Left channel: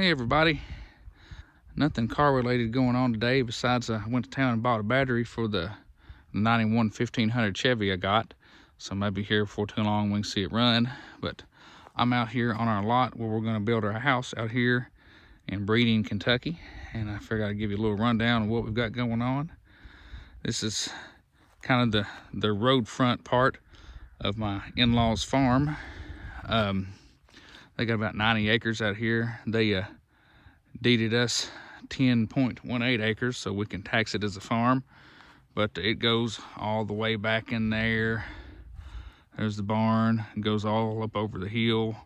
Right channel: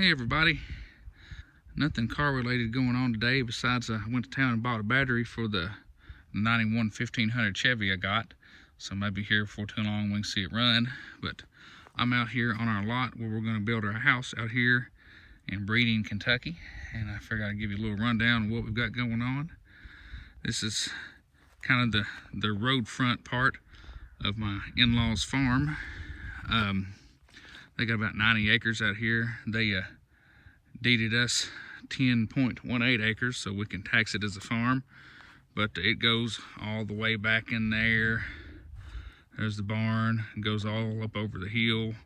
Hey everybody, nothing car related going on today besides I went to town and bought a battery for the 91 1500 Chevy I got. So maybe here before too long we can see it run. But I'm out here on our lot where we're going to build our house out here in Breeding, Kentucky. And I figured I'd give you a little rundown of what we've got going on. This is kind of the road front part of my in-laws farm. They got about 90 acres out here. They deeded us 10.18 acres so we can tax it as a farm, but it goes all the way back in there. There's the barn. It goes all up over the hill,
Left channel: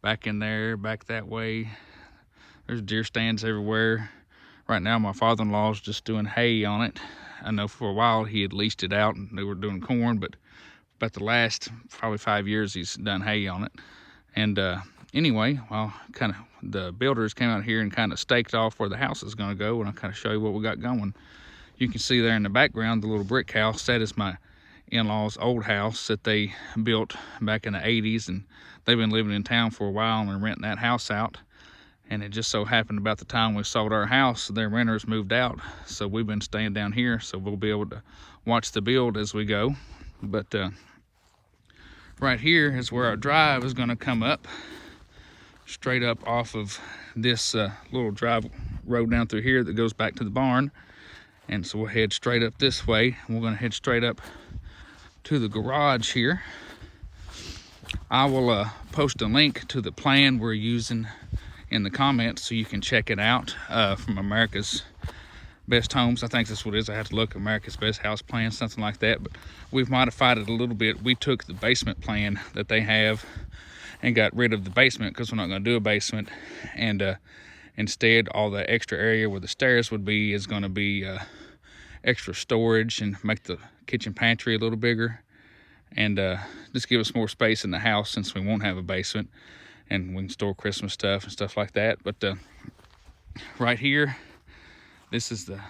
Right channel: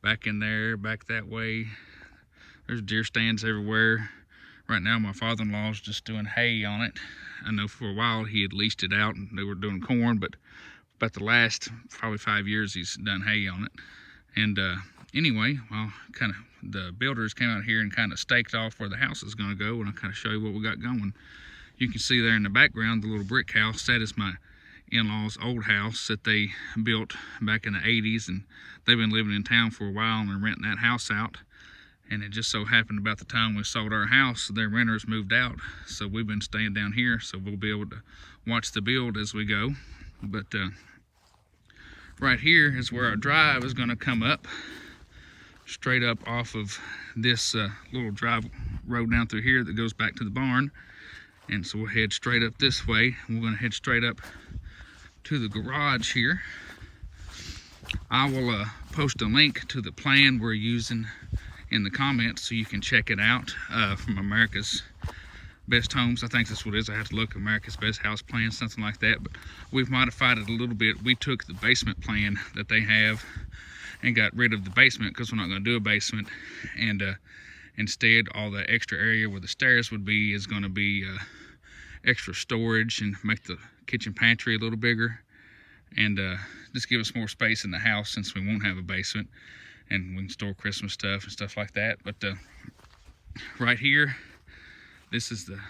back in there, back that way. There's deer stands everywhere. Right now my father-in-law is just doing hay on it. I know for a while he had leased it out and they were doing corn, but about the last probably 5 years he's done hay on it. And anyway, well, kind of the builders came out here and kind of staked off where the house is going to go, and I'll kind of show you what we got going. You can see there in the background the little brick house. That is my in-laws' old house that they built back in the 80s, and they've been living in town for a while and renting that house out. And it just so happened about the time we sold our house, their renters moved out, so we've been staying down here, so we'll be able to watch the build as we go. But right here is where our drive is going to come up, straight up off of this little drive road down through here that goes back to the barn. And so we'll head straight up this way. We're going to head straight up to the garage here. I will post a link to the plan we're using in the comments so you can check it out, from America's Best Homes. I think that's what it is. I have to look, America's Best House Plan, something like that. But we've modified it a little bit. We took the basement plan that they have and got rid of the basement because we're not going to do a basement. And instead, all the extra area where the stairs would be is going to be extra storage and make the kitchen pantry a little bigger. And just give us more space in the house since we won't have a basement. And we can store Christmas stuff and stuff like that. But right here, this is the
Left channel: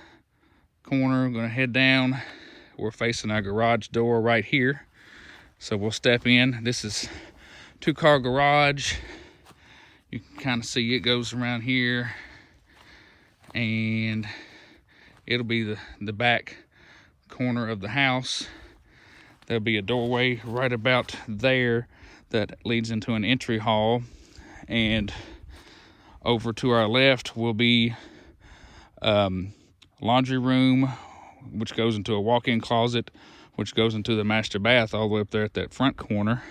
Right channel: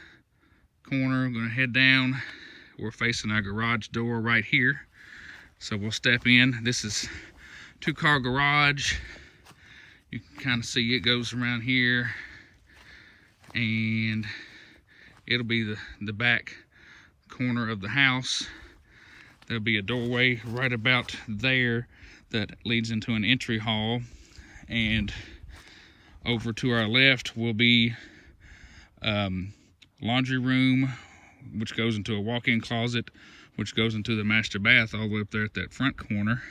corner. I'm going to head down. We're facing our garage door right here. So we'll step in. This is two-car garage. You can kind of see it goes around here. And it'll be the back corner of the house. There'll be a doorway right about there that leads into an entry hall. And over to our left will be laundry room, which goes into a walk-in closet, which goes into the master bath all the way up there at that front corner.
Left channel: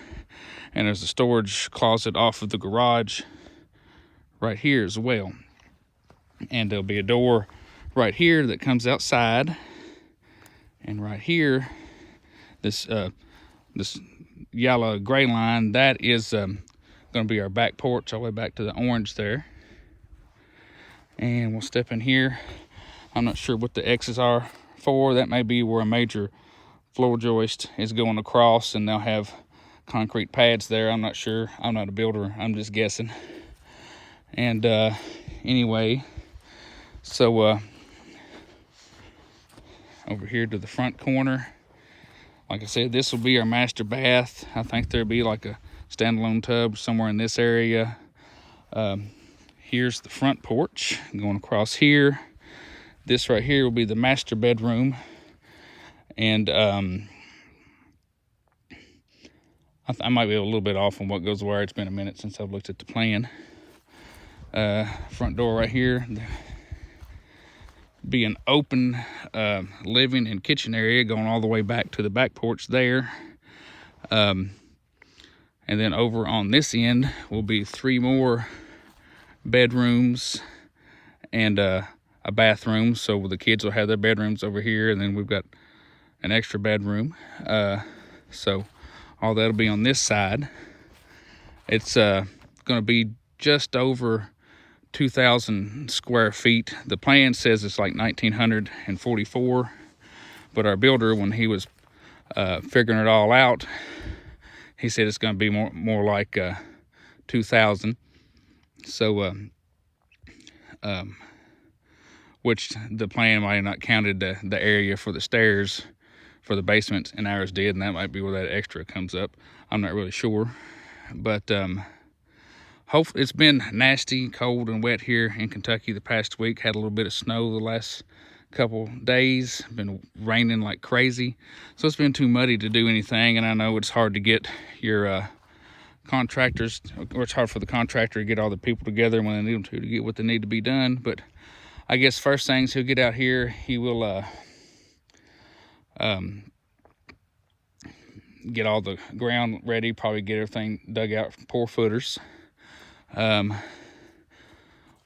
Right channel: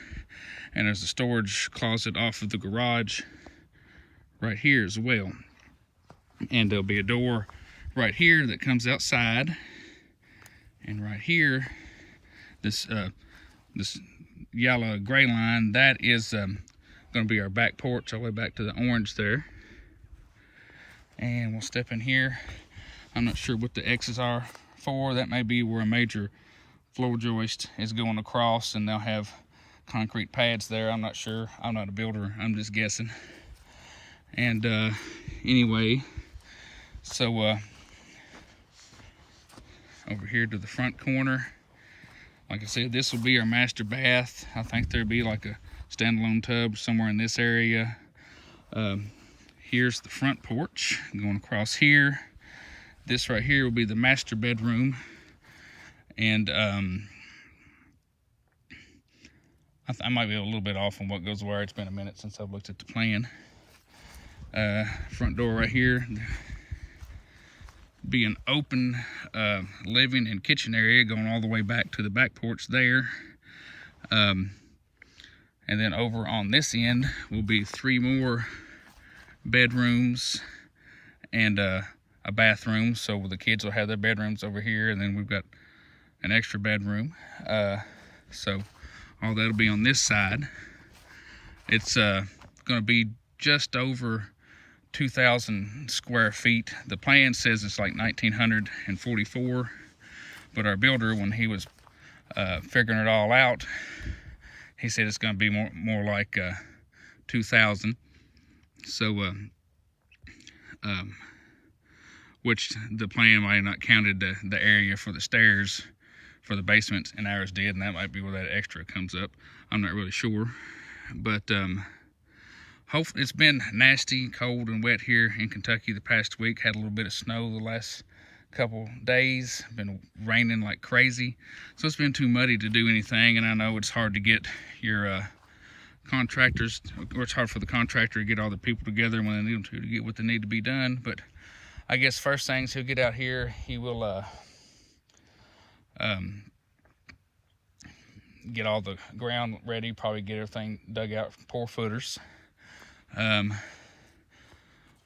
And there's a storage closet off of the garage right here as well. And there'll be a door right here that comes outside. And right here, this yellow gray line, that is going to be our back porch all the way back to the orange there. And we'll step in here. I'm not sure what the X's are for. That may be where a major floor joist is going across and they'll have concrete pads there. I'm not sure. I'm not a builder. I'm just guessing. And anyway, so over here to the front corner, like I said, this will be our master bath. I think there'll be like a standalone tub somewhere in this area. Here's the front porch going across here. This right here will be the master bedroom. And I might be a little bit off on what goes where. It's been a minute since I've looked at the plan. Front door right here. Be an open living and kitchen area going all the way back to the back porch there. And then over on this end will be 3 more bedrooms and a bathroom. So the kids will have their bedrooms over here, and then we've got an extra bedroom. So all that'll be on this side. It's going to be just over 2,000 square feet. The plan says it's like 1,944, but our builder, when he was figuring it all out, he said it's going to be more like 2,000. So which the plan might have not counted the area for the stairs for the basement, and ours did, and that might be where that extra comes up. I'm not really sure. But hopefully, it's been nasty, cold, and wet here in Kentucky the past week. Had a little bit of snow the last couple days. Been raining like crazy, so it's been too muddy to do anything. And I know it's hard to get your contractors, or it's hard for the contractor to get all the people together when they need them to get what they need to be done. But I guess first things he'll get out here, he will get all the ground ready, probably get everything dug out for 4 footers.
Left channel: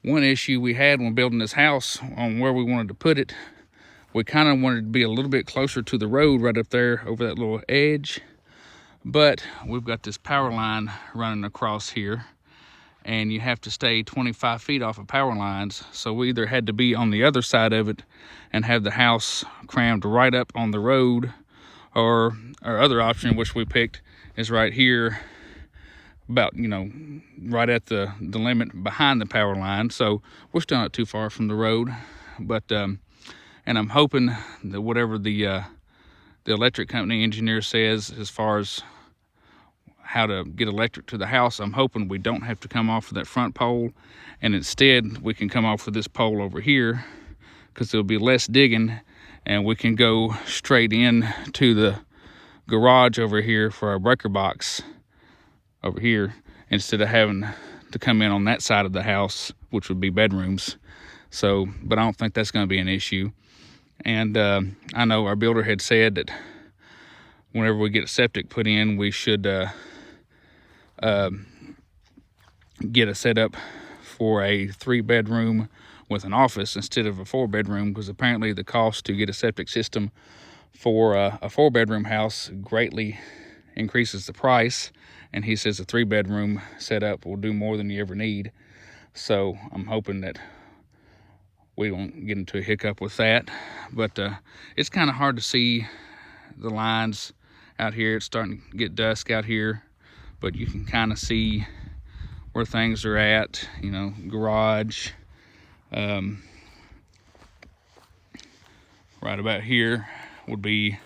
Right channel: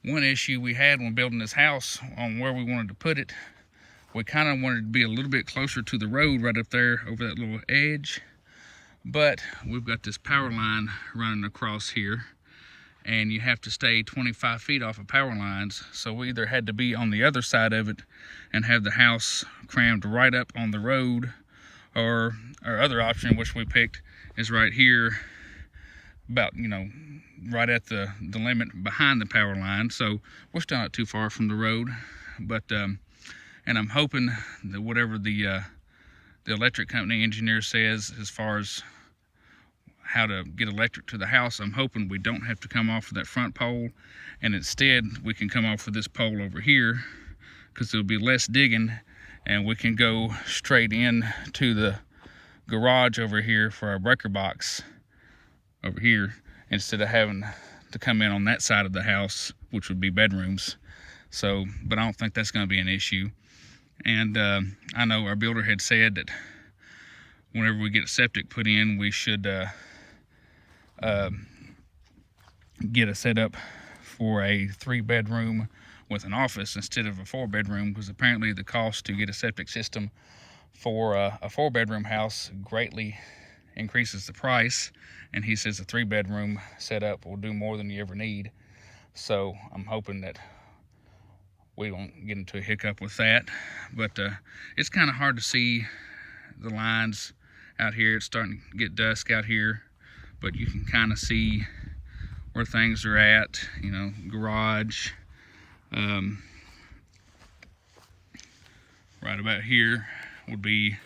One issue we had when building this house on where we wanted to put it, we kind of wanted to be a little bit closer to the road right up there over that little edge, but we've got this power line running across here, and you have to stay 25 feet off of power lines. So we either had to be on the other side of it and have the house crammed right up on the road, or our other option, which we picked, is right here, about, you know, right at the limit behind the power line. So we're still not too far from the road, but and I'm hoping that whatever the electric company engineer says as far as how to get electric to the house, I'm hoping we don't have to come off of that front pole, and instead we can come off of this pole over here, because there'll be less digging, and we can go straight in to the garage over here for our breaker box over here, instead of having to come in on that side of the house, which would be bedrooms. So, but I don't think that's going to be an issue. And I know our builder had said that whenever we get a septic put in, we should get a setup for a 3-bedroom with an office instead of a 4-bedroom, because apparently the cost to get a septic system for a 4-bedroom house greatly increases the price, and he says a 3-bedroom setup will do more than you ever need. So I'm hoping that we won't get into a hiccup with that. But it's kind of hard to see the lines out here. It's starting to get dusk out here, but you can kind of see where things are at, you know, garage. Right about here would be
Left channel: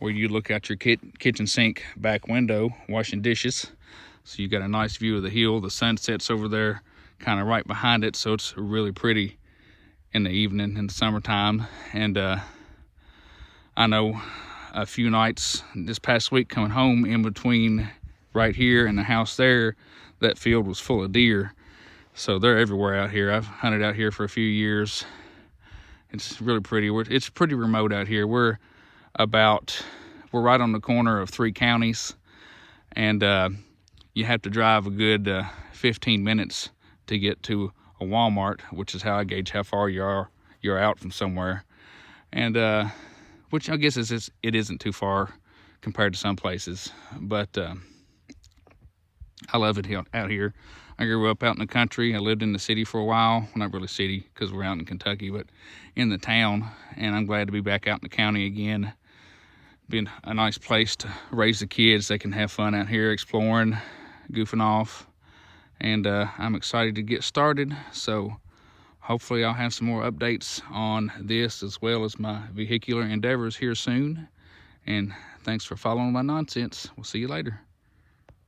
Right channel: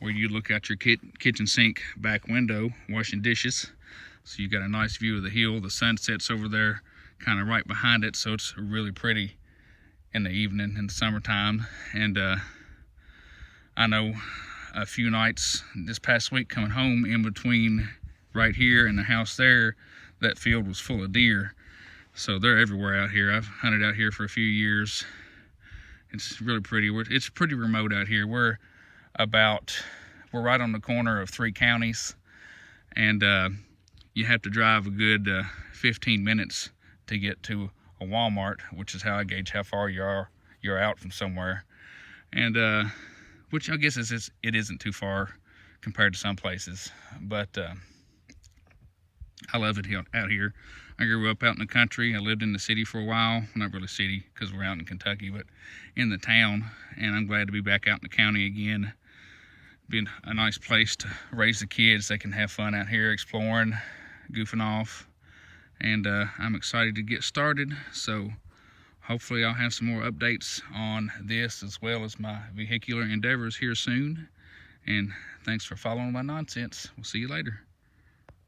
where you look out your kitchen sink back window washing dishes. So you've got a nice view of the hill. The sun sets over there kind of right behind it, so it's really pretty in the evening in the summertime. And I know a few nights this past week coming home, in between right here and the house there, that field was full of deer. So they're everywhere out here. I've hunted out here for a few years. It's really pretty. It's pretty remote out here. We're right on the corner of 3 counties, and you have to drive a good 15 minutes to get to a Walmart, which is how I gauge how far you're out from somewhere. And which I guess it isn't too far compared to some places, but I love it out here. I grew up out in the country. I lived in the city for a while. Not really city, because we're out in Kentucky, but in the town. And I'm glad to be back out in the county again. Being a nice place to raise the kids. They can have fun out here exploring, goofing off. And I'm excited to get started. So hopefully I'll have some more updates on this as well as my vehicular endeavors here soon. And thanks for following my nonsense. We'll see you later.